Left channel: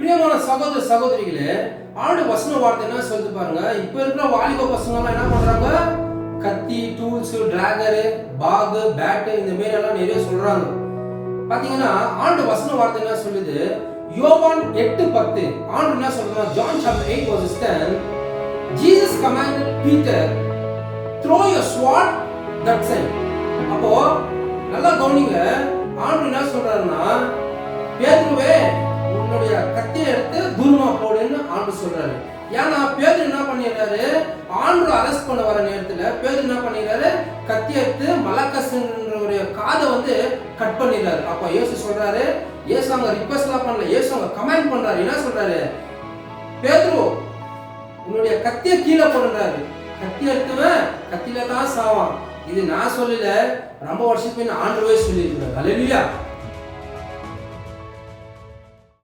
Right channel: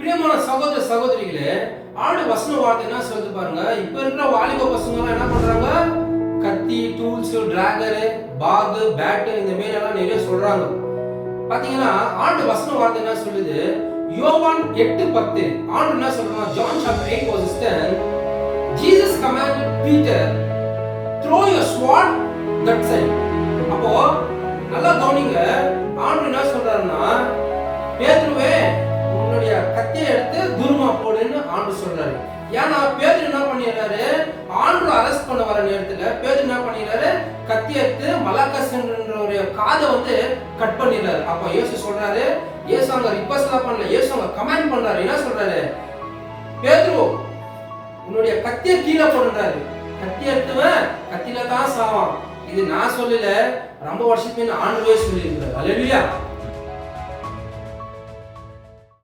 பிரியமான சகோதர சகோதரிகளே, ஆண்டு வசன வார்த்தை என்ன சொல்லுது பாருங்க. இப்ப இருக்கிற வாலிப பசங்க என்ன பண்றாங்க? கத்தி, டூல்ஸ், டிராகர், பாக், பேட் இந்த மாதிரி எல்லாம் நிறைய சொல்றாங்க. பாத்தீங்கன்னா ஆண்டு வசன வார்த்தை என்ன சொல்லுது? யோவான் 8:10 ஆண்டு என்ன சொல்றாங்க? John chapter 8:10 Jesus commanded Peter, throw your sword that side. அப்போ நல்லா கவனிங்க. ஆண்டு என்ன சொல்றாருன்னா, பேதுருவே உன்னுடைய கத்தியை எடுத்து தூரமா போடுன்னு ஆண்டு சொல்றாரு. ஏன்னா பேதுரு என்ன பண்ணிடுறாரு? ஆண்டு அரெஸ்ட் பண்ண வர நேரத்துல பேதுரு என்ன பண்ணிடுறாரு? கத்தி எடுத்து மலக்கஸ்ன்ற காதை கட் பண்ணிடுறாரு. அப்ப இயேசு சொல்றாரு, இயேசு அங்க ரிக்வெஸ்ட் பண்ணல, இயேசு அங்க கமாண்ட் பண்றாரு. என்ன சொல்றாரு? பேதுரு உன்னுடைய கத்தியை கீழே போடுறாரு. கத்தி எடுத்துவன் கத்தியில தான் சாவான். இது நான் சொல்லல, ரொம்ப வருஷத்துக்கு ஆண்டவே சொல்லியிருக்கிறார். அல்லேலூயா.